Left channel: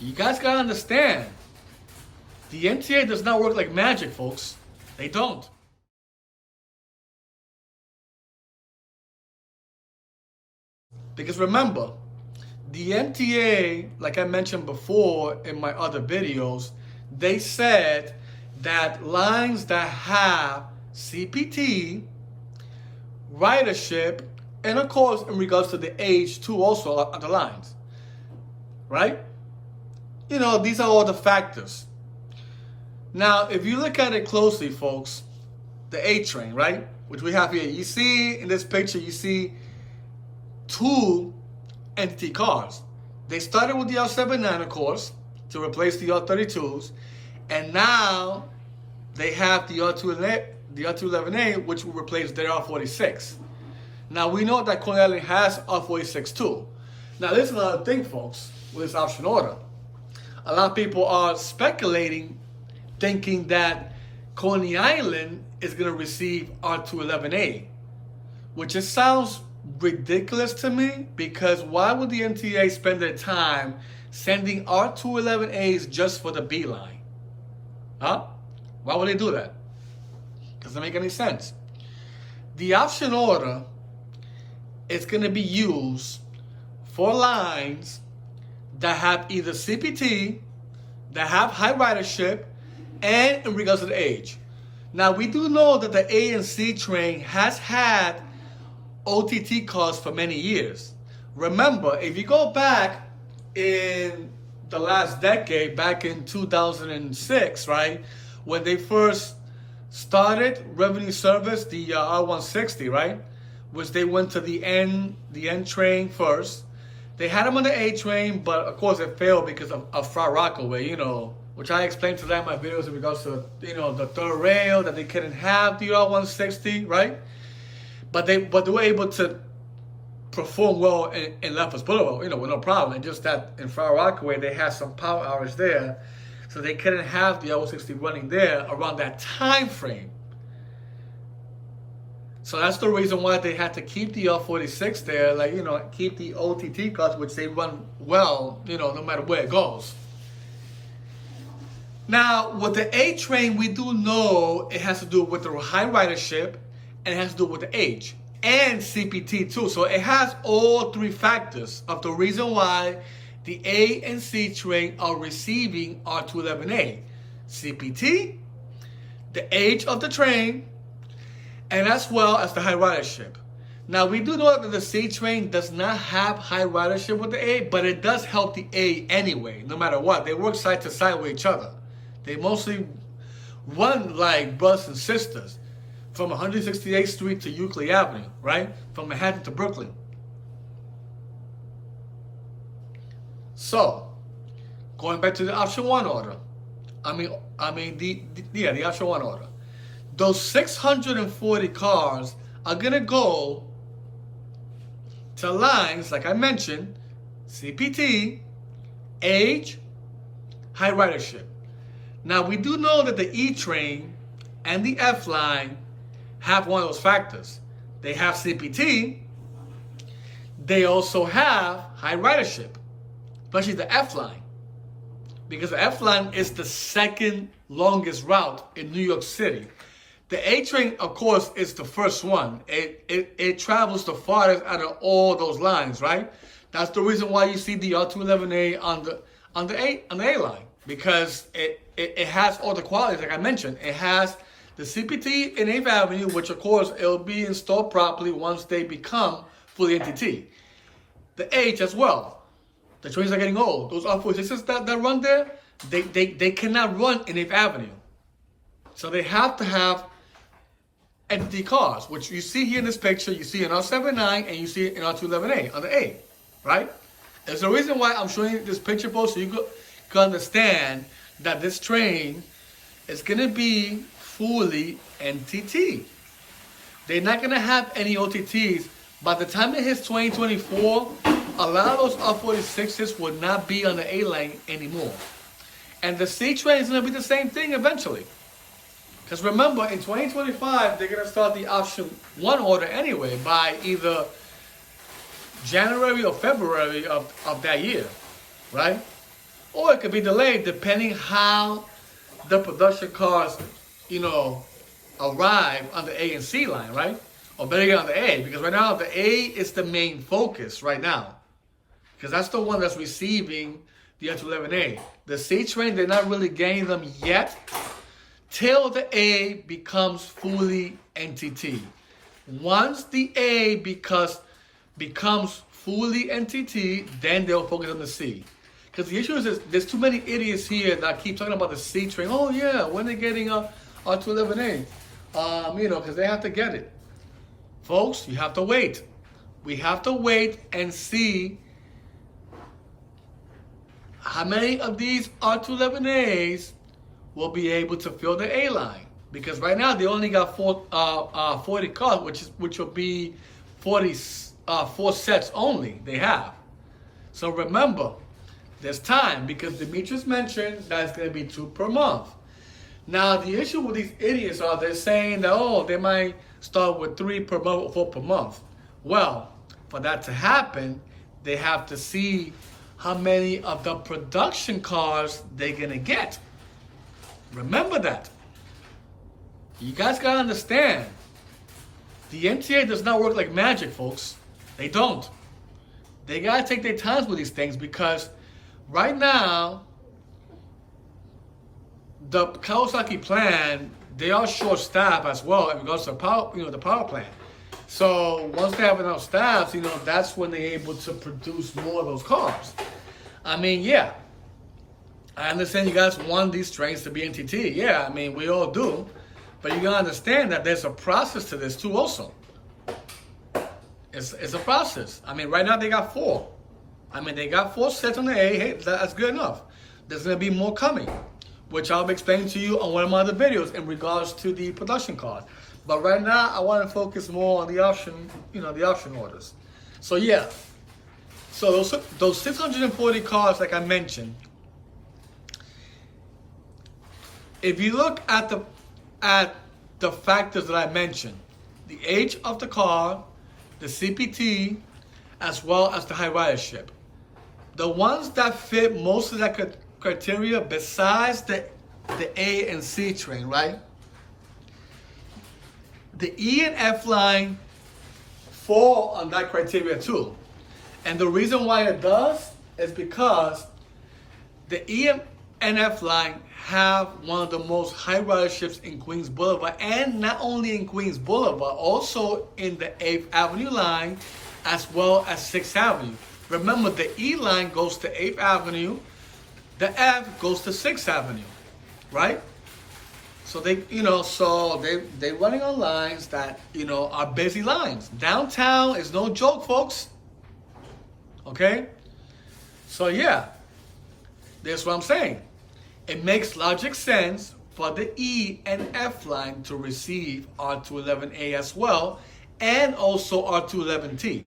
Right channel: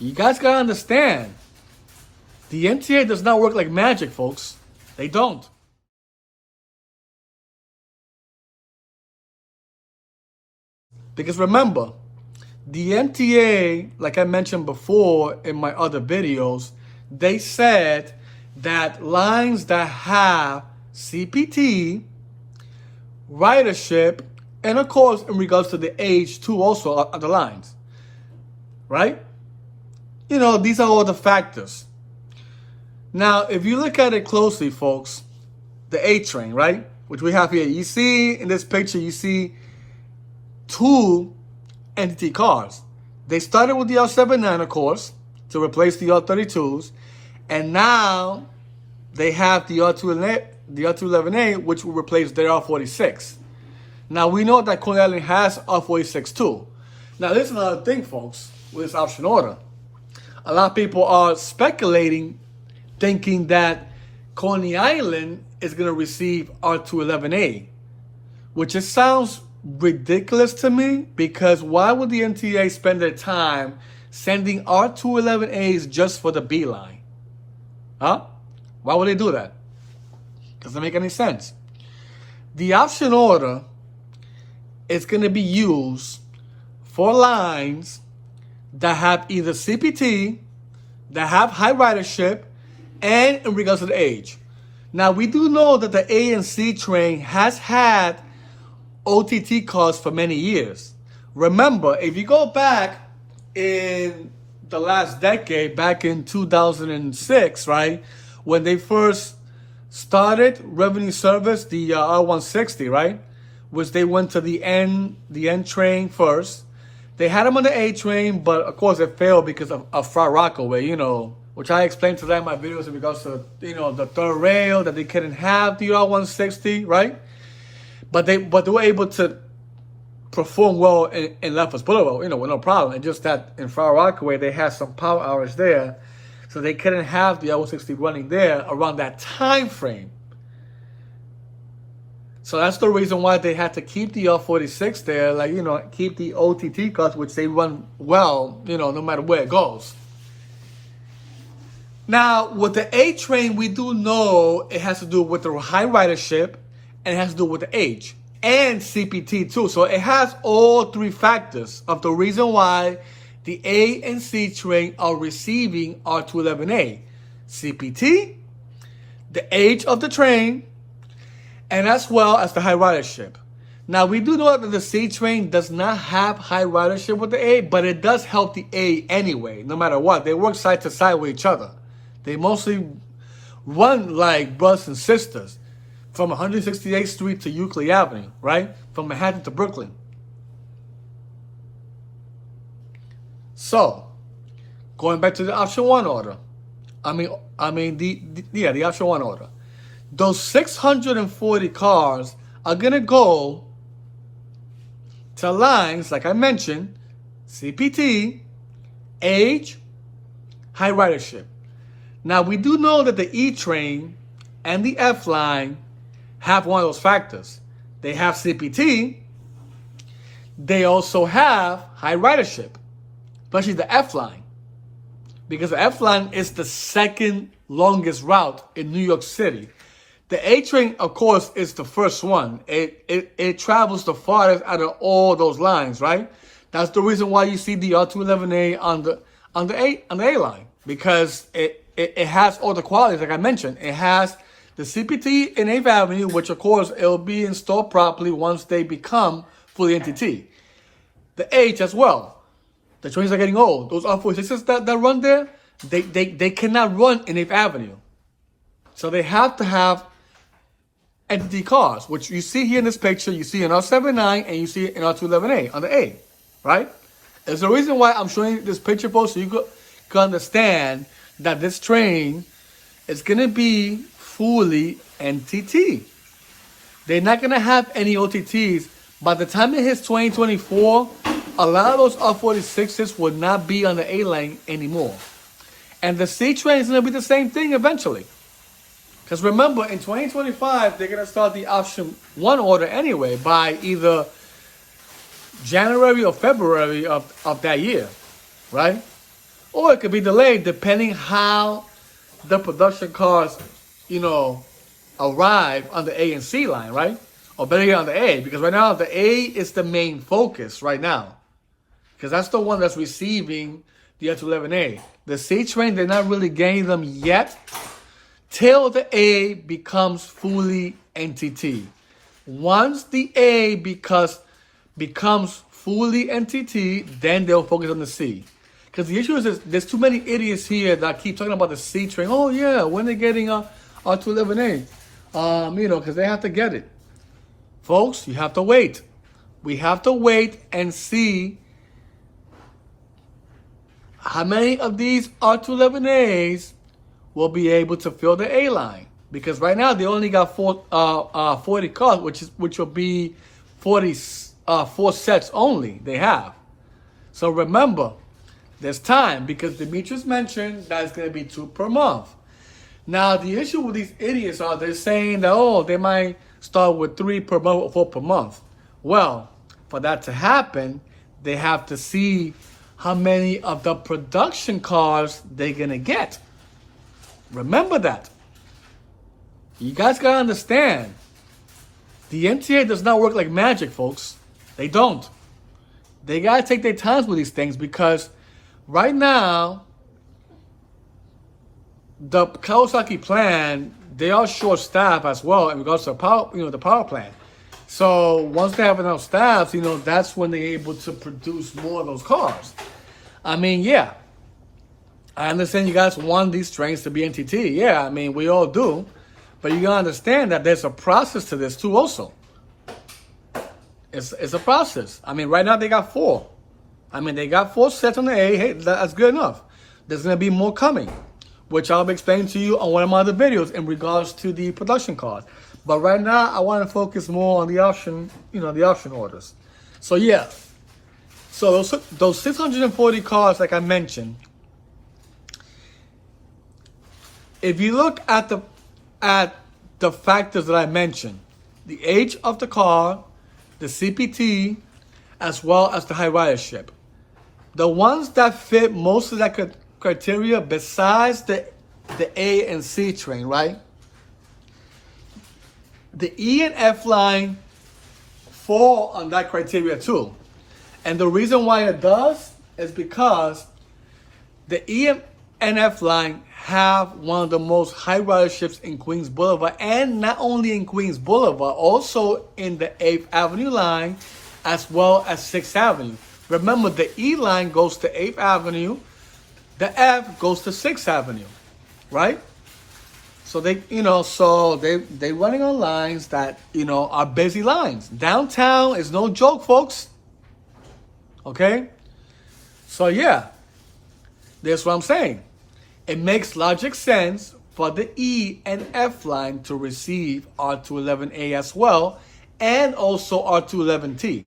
You guys gotta understand, the MTA does not work like magic, folks. They don't. Because remember, the MTA, like I mentioned before in my other videos, they said that lines that have CPT, ridership, and of course in regards to the age too also of the lines, right? You know, these are all the factors. Now, if you look at it closely, folks, the A train, right, which we have here, you see in this picture, you see two entity cars. They started with the R211, of course, to replace the R32s, and now they have the R211A, which will replace their R46. Now, we know that Coney Island has R46 too. Now, this is another thing, folks, with this option order. A lot of people are speculating, thinking that Coney Island is going to receive R211A, which just sounds ridiculous to me, because why would the MTA spend their time sending R211As just for the B line? Huh? Why would they do that? Doesn't make any sense. The option order is going to be used for lines that have either CPT, that have high ridership, and in regards to the age. Now, we do know that the A and C train has had OTT cars for many years. Remember, if you go back in the last decade, back in 2006, right, when they first started revenue service, the R160, right, which they went to the N train first. They had them on the A train, but of course it failed because of Far Rockaway, you know, which I explained to them in my videos in regards to, you know, the third rail, that they couldn't have the R160, right? But they were able to perform well in Lefferts Boulevard, you know, with no problem. And just that in Far Rockaway, they had some power hours there, so they couldn't have the R160 running there around that time frame. So that's the reason why they had to keep the R46 there, like, you know, keep the OTT cars, which they run well, you know, no matter where it goes. Now, with the A train, we do know it has to do with the high ridership, and it has to do with the age and CPT too. So it has all three factors of the reason why the A and C train are receiving R211A. CPT, the age of the train, and as well as the high ridership. Now, we do know that the C train does not have high ridership with the A, but it does help the A anyway, no matter what. They work side to side with each other. They mostly run like brothers and sisters from 168th Street to Euclid Avenue, right? From Manhattan to Brooklyn. So, going back to the option one order. The option one order. Those 640 cars are gonna go to lines, like I mentioned, CPT, age, high ridership. Now, we do know that the E train and the F line have one of those factors. They have CPT, they also have high ridership, especially the F line, because the F line is the second longest route in New York City. The A train, of course, is the first one. It travels the farthest out of all those lines, right? That's the reason why you see the R211A on the A line, because it has all the qualities, like I mentioned. It has the CPT in 8th Avenue, which of course it'll be installed properly once they become fully NTT. The age as well. The trains are getting old. Those R46s that run there, they cannot run in 8th Avenue. So they have to have NTT cars, which you see here in this picture. You see an R79 and you see an R211A on the A, right? There's a reason why I'm showing you this picture, folks, so you can understand that this train is going to be fully NTT. They're not going to have any OTTs. By the time it hits 2024, a lot of those R46s will not be on the A line anymore. And the C train is going to be the same thing eventually. Because remember, in 2025, they're going to start the option one order anyway by either January or February of that year, right? or it could be delayed depending how the production cars, arrive on the A and C line, right? Or better yet, on the A, because right now the A is the main focus right now, because that's the one that's receiving the R211A. The C train, they're not really getting them yet till the A becomes fully NTT. Once the A becomes fully NTT, then they'll focus on the C. Because the issue is there's too many idiots here that keep talking about the C train. Oh yeah, when they're getting R211A, because they have to get it. Folks, you have to wait. We have to wait and see how many of these R211As will be able to fill the A line. Because right now they only got 40 cars, which will be 4 sets only they have. So remember, there's time, because Demetrius mentioned that it's going to be 2 per month. Now the issue with these idiots are they're saying that they might start with 3 per month or 4 per month. Well, for that to happen, they have to see how many of the production cars they're gonna get. Remember that. You guys gotta understand, the MTA does not work like magic, folks. They don't. They gotta take their times with these things, because right now, the Kawasaki plan, they are short staff as well in regards to the power plant. So once they have enough staff, that's when they're able to produce more of those cars. I mean, yeah, I understand you guys want these trains to be NTT. Yeah, I mean, we all do. But you gotta understand that there's a process to this too also. It's a process. I mean, right now they got 4. I mean, they got 4 sets on the A. Hey, that's good enough. There's gonna be more coming, which I'll be explaining to you on one of my other videos in regards to the production cars. But right now, I want to focus more on the option, the option orders. So yeah, so those 640 cars, like I mentioned, if you look at the factors that I mentioned, the age of the car, the CPT, as well as the high ridership, the ones that fit most of that criteria, besides the A and C train, right? The E and F line fall on that criteria too. And the reason why it does is because the E and F line have one of the most high riderships in Queens Boulevard, and not only in Queens Boulevard, also in the 8th Avenue line, as well as 6th Avenue. Remember, the E line goes to 8th Avenue, the F goes to 6th Avenue, right? So they running on lines that, are busy lines. Downtown is no joke, folks. Okay? So yeah, that's what I'm saying. It makes logic sense for the E and F line to receive R211A as well, and also R211T.